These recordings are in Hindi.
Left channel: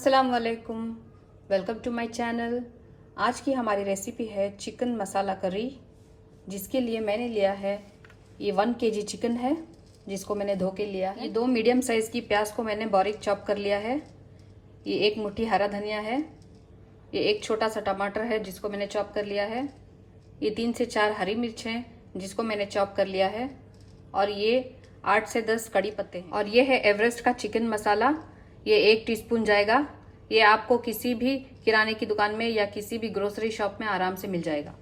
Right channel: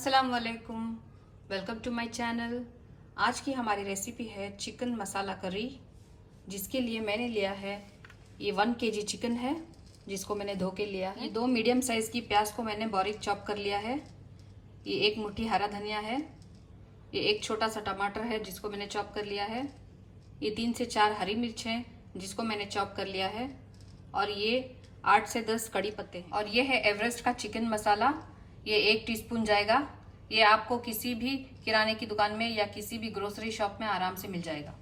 अस्सलाम वालेकुम, वेलकम टू माय चैनल। आज की हमारी रेसिपी है चिकन मसाला करी, जिसके लिए मैंने लिया है ये 1 kg चिकन है, जिसको मैंने धो के लिया है। ये 2 मीडियम साइज की प्याज को मैंने बारीक चॉप कर लिया है। ये 1 मुट्ठी हरा धनिया है। ये 1 छोटा सा टमाटर है, जिसको मैंने चॉप कर लिया है। ये 3 से 4 हरी मिर्च है, जिसको मैंने चॉप कर लिया है। और ये 8 से 10 कड़ी पत्ते। और ये है एवरेस्ट का चिकन मसाला, ये 1 टीस्पून जाएगा। ये आपको किसी भी किराने की दुकान में या किसी भी ग्रोसरी शॉप में आराम से मिल जाएगा।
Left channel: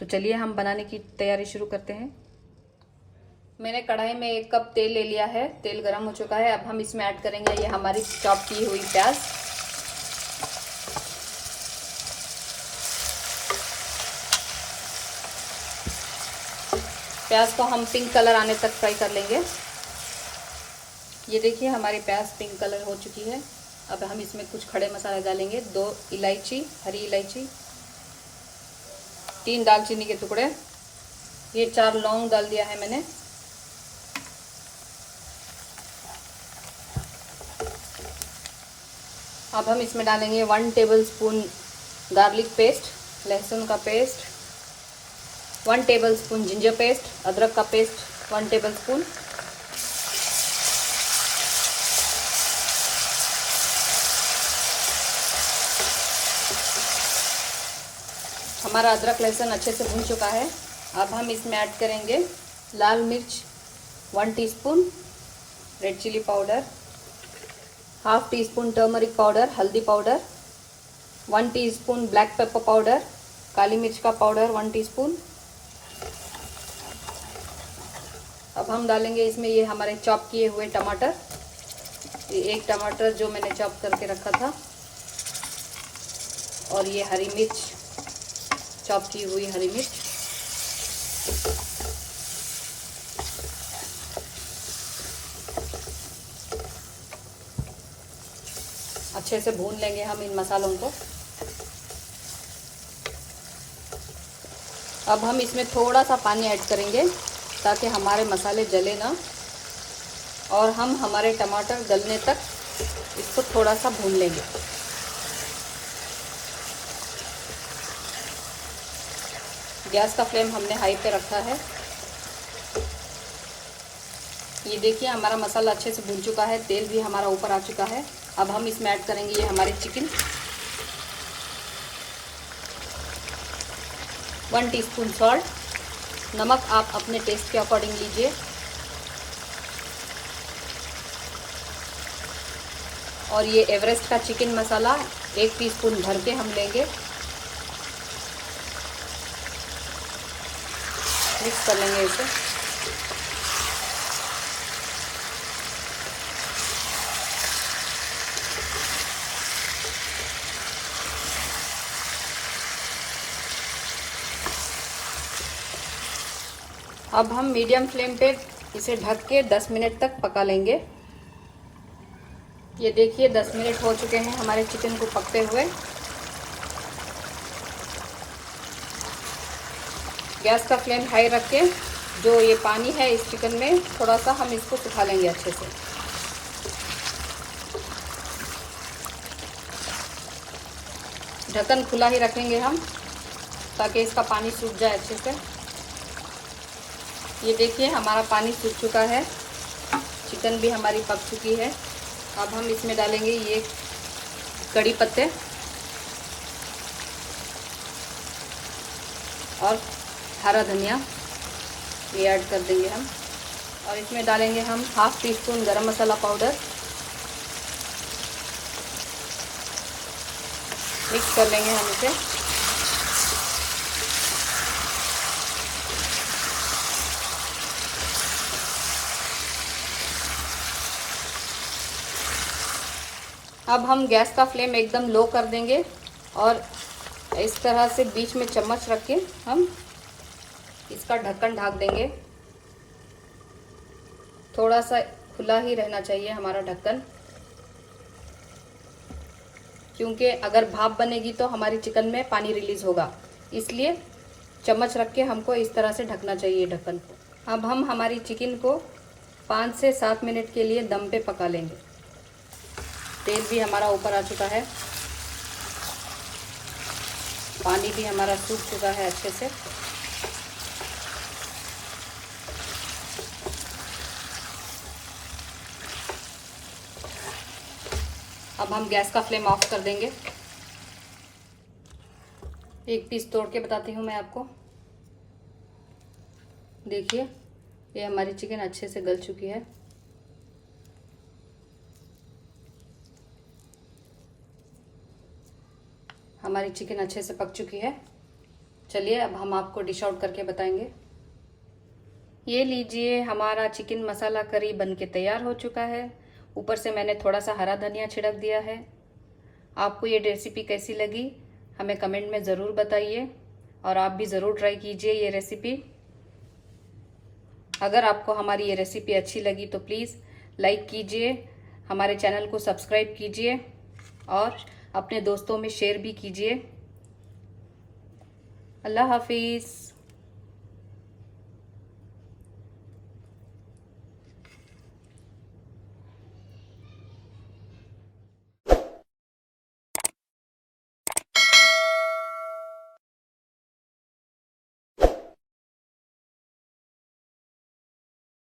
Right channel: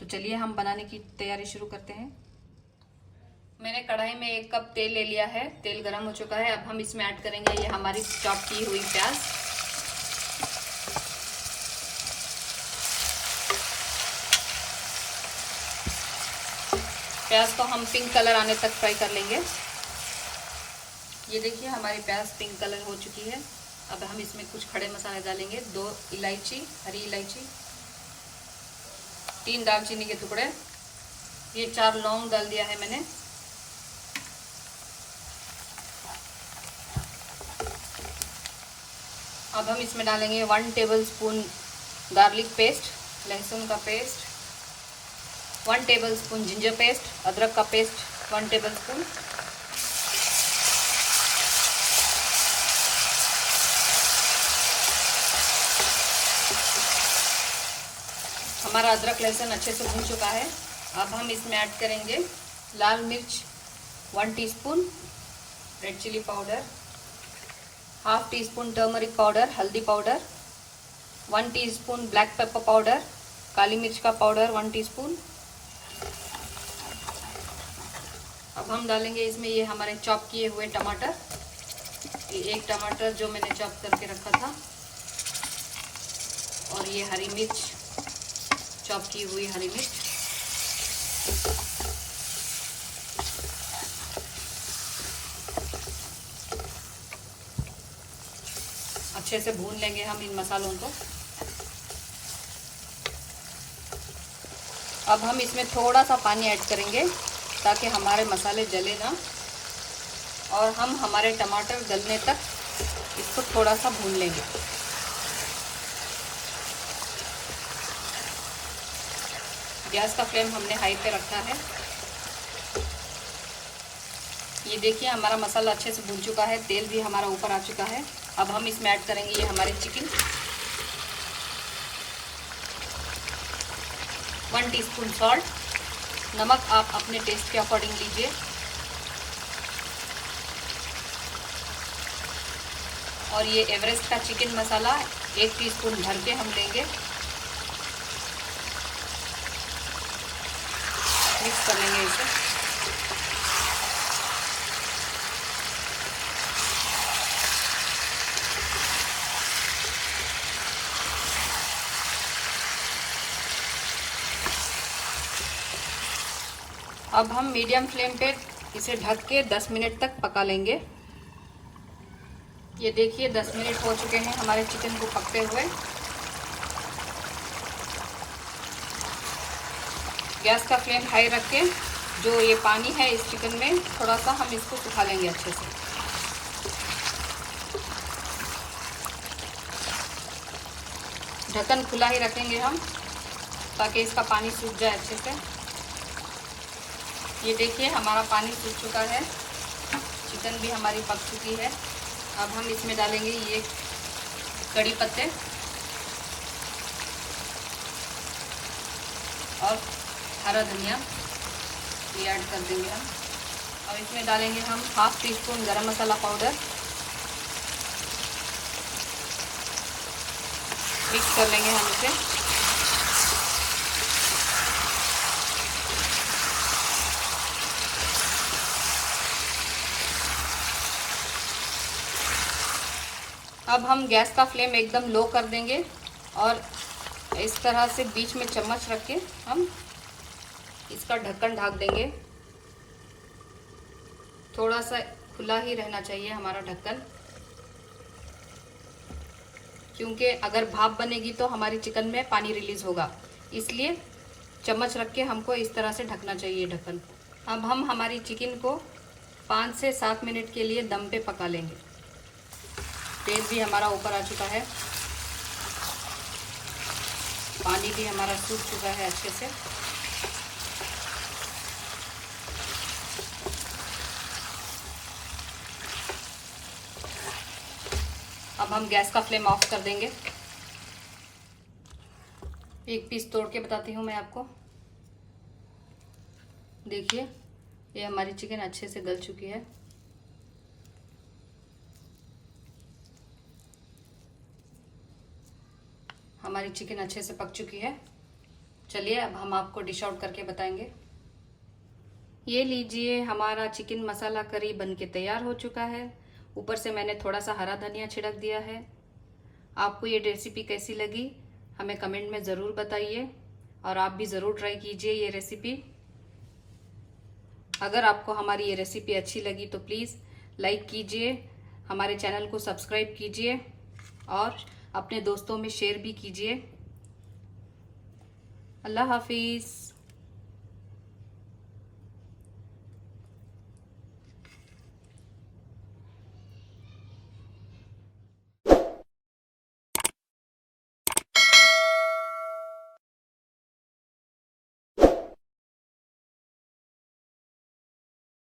तो चलिए हम बनाने की तैयारी शुरू करते हैं। मैंने कढ़ाई में 1 कप तेल ले लिया है। तेल गर्म हो चुका है। अब हम इसमें ऐड करेंगे ये हमारी चॉप की हुई प्याज। प्याज को हम पिंक कलर आने तक फ्राई कर लेंगे। ये देखिए हमारी प्याज पिंक कलर हो चुकी है। अब हम इसमें कुछ खड़े मसाले डालेंगे। 2 इलायची, हरी इलायची, 3 दालचीनी के टुकड़े, ये 4 लौंग डाल दिया है मैंने। अब हम इसमें डालेंगे 1 टेबलस्पून गार्लिक पेस्ट, लहसुन का पेस्ट, 1 टेबलस्पून जिंजर पेस्ट, अदरक का पेस्ट 1 टेबलस्पून। हमारा अदरक लहसुन अच्छे से भून चुका है। अब हम इसमें ऐड करेंगे लाल मिर्च 1 teaspoon, red chilli powder, half teaspoon turmeric powder, हल्दी powder, 1 teaspoon black pepper powder, काली मिर्च का पाउडर 1 टीस्पून। अब हम डालेंगे इसमें ये हमारे चॉप किए हुए टमाटर, ये 1 टमाटर जो मैंने चॉप करके रखा था, और ये हरी मिर्च, चॉप की हुई हरी मिर्च। अच्छे से भून लेंगे हम इन मसालों को। अब हम इसमें थोड़ा सा पानी ऐड करेंगे ताकि हमारे मसाले जले ना, और हम हमारे टमाटर गलने तक इसको थोड़ा सा भून लेंगे। गैस का फ्लेम हमने हाई पे रखा है। ये देखिए हमारा मसाला अच्छे से भून चुका है, तेल भी हमारा ऊपर आ चुका है। अब हम इसमें ऐड करेंगे ये हमारे चिकन, 1 टीस्पून सॉल्ट, नमक आप अपने टेस्ट के अकॉर्डिंग लीजिए, और ये एवरेस्ट का चिकन मसाला 1 टीस्पून भर के हम लेंगे। मिक्स कर लेंगे इसे। अब हम मीडियम फ्लेम पे इसे ढक के 10 मिनट तक पका लेंगे। ये देखिए 10 मिनट हो चुके हैं हमारे चिकन को पकते हुए। गैस का फ्लेम हाई रख के जो ये पानी है इस चिकन में थोड़ा सा हम इसको सुखा लेंगे अच्छे से। ढक्कन खुला ही रखेंगे हम ताकि इसका पानी सूख जाए अच्छे से। ये देखिए हमारा पानी सूख चुका है, चिकन भी हमारी पक चुकी है। अब हम इसमें डालेंगे ये कड़ी पत्ते और हरा धनिया, ये ऐड कर देंगे हम। और इसमें डालेंगे हम हाफ टी स्पून गरम मसाला पाउडर। मिक्स कर लेंगे हम इसे। अब हम गैस का फ्लेम एकदम लो कर देंगे और इस तरह से बीच में चम्मच रख के हम इसका ढक्कन ढक देंगे। थोड़ा सा खुला ही रहना चाहिए हमारा ढक्कन, क्योंकि अगर भाप बनेगी तो हमारी चिकन में पानी रिलीज होगा, इसलिए चम्मच रख के हमको इस तरह से ढकना चाहिए ढक्कन को। अब हम हमारी चिकन को 5 से 7 मिनट के लिए दम पे पका लेंगे। तेल भी हमारा ऊपर आ चुका है, पानी भी हमारा सूख चुका है अच्छे से। अब हम गैस का फ्लेम ऑफ कर देंगे। एक पीस तोड़ के बताती हूँ मैं आपको। देखिए, ये हमारी चिकन अच्छे से गल चुकी है। हमारी चिकन अच्छे से पक चुकी है। चलिए अब हम आपको डिश आउट करके बताएंगे। ये लीजिए, हमारा चिकन मसाला करी बनके तैयार हो चुका है। ऊपर से मैंने थोड़ा सा हरा धनिया छिड़क दिया है। आपको ये रेसिपी कैसी लगी हमें कमेंट में ज़रूर बताइए, और आप भी ज़रूर ट्राई कीजिए ये रेसिपी। अगर आपको हमारी ये रेसिपी अच्छी लगी तो प्लीज़ लाइक कीजिए, हमारे चैनल को सब्सक्राइब कीजिए और अपने दोस्तों में शेयर भी कीजिए। अल्लाह हाफिज़।